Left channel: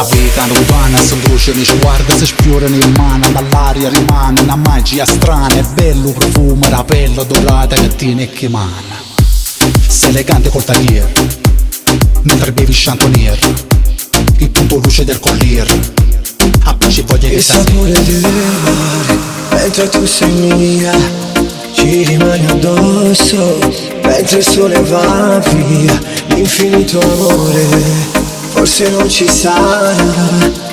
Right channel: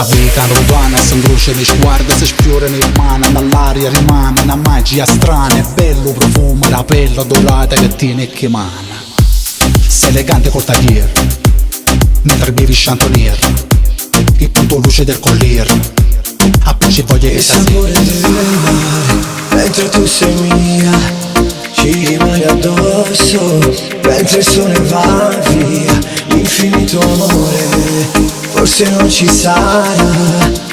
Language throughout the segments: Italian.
A vita lontana si incrocia nei sguardi, si sfiorano in mano, dall'aria rimane una magia strana. È bello profumo, la pelle dorata che tiene e che mana. Sei elegante col tagliere, mentre bevi chantonier, il punto luce del collier. Appicci voglia che il sapore del mare, mentre tu sei mia, ci rimani addosso, mentre il sole va via. L'infinito amore forse non ci sarà,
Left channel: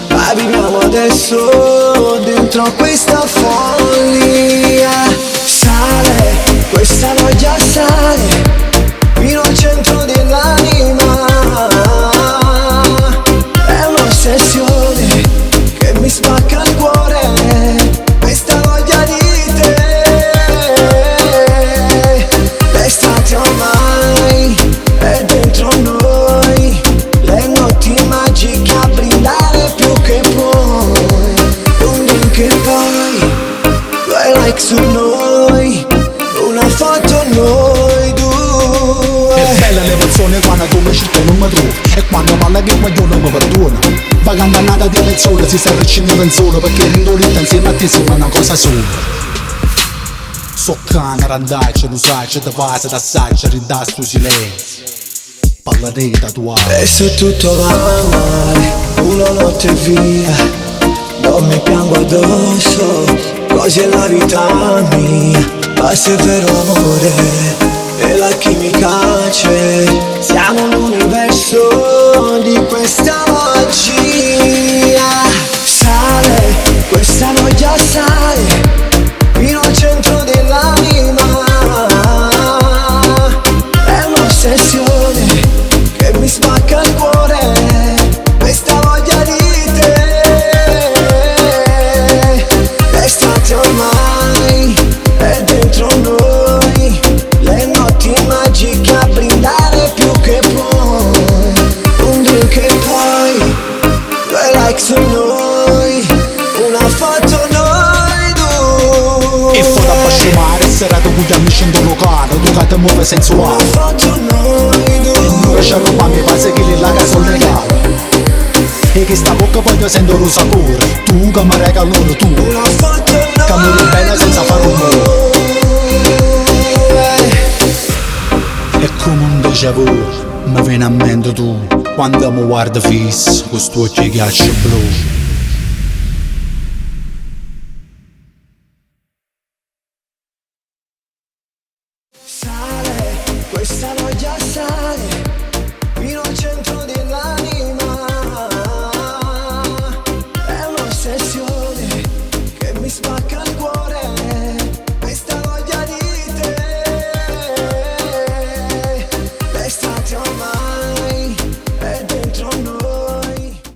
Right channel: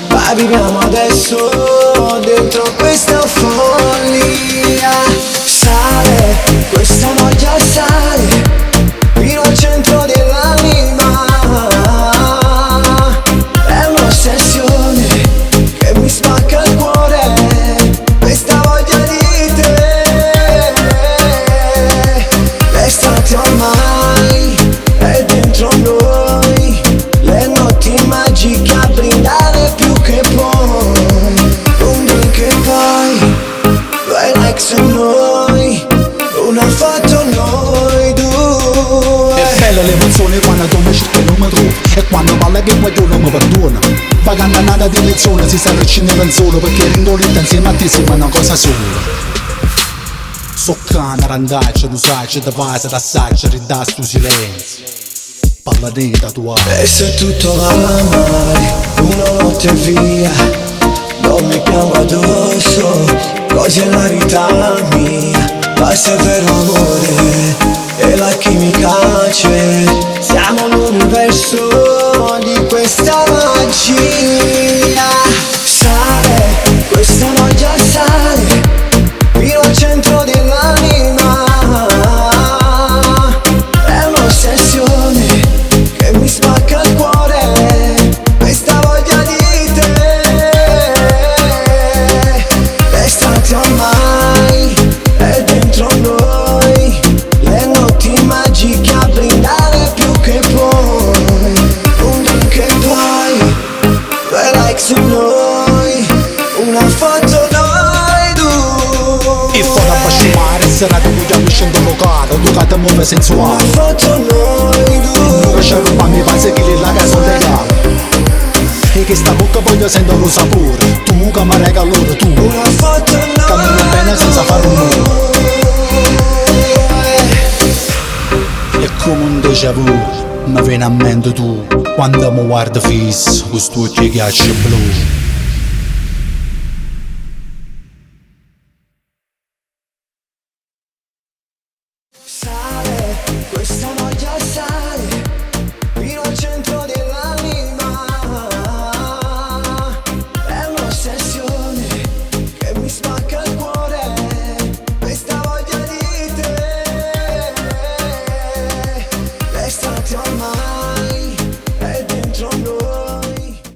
ma viviamo adesso dentro questa follia. Sale, questa noia sale fino al centro dell'anima. È un'ossessione che mi spacca il cuore, questa voglia di te. L'estate ormai è dentro noi, le notti magiche a brindare più che puoi. Un drink e poi due like su noi, una foto noi due. È bella l'emozione quando tu mi cerchi e non mi trovi, e quando parla che guaglione mi perdona. Vagando nata di mezz'ora si arricina in solo, perché rindolita insieme a te sembra una cosa sola. So cane, randaccia, lo sai, c'è da fase, d'assaggia, ridà sto silenzio. Parla nera tua. E se tutto va male, una notte via, non mi piango addosso, così è la vita mia. Ma se è vero amore, e la chimica c'è, siamo l'universo di questa magia. Sale, questa noia sale fino al centro dell'anima. È un'ossessione che mi spacca il cuore, questa voglia di te. L'estate ormai è dentro noi, le notti magiche a brindare più che puoi. Un drink e poi due like su noi, una foto noi due. E foto a basciumare, serrato con gli amici in locale, tu che ti muove sensuale. Una foto noi due. E non c'è roba mi pare che la casa legale. E che sta bocca voglio sento lo sapore, tu che mi regali tu, Una foto noi che mi vuoi bene senza fare rumore. È come un déjà vu, mi viene a mente tu, quando mi guardi fisso, con sto occhi ghiaccio blu.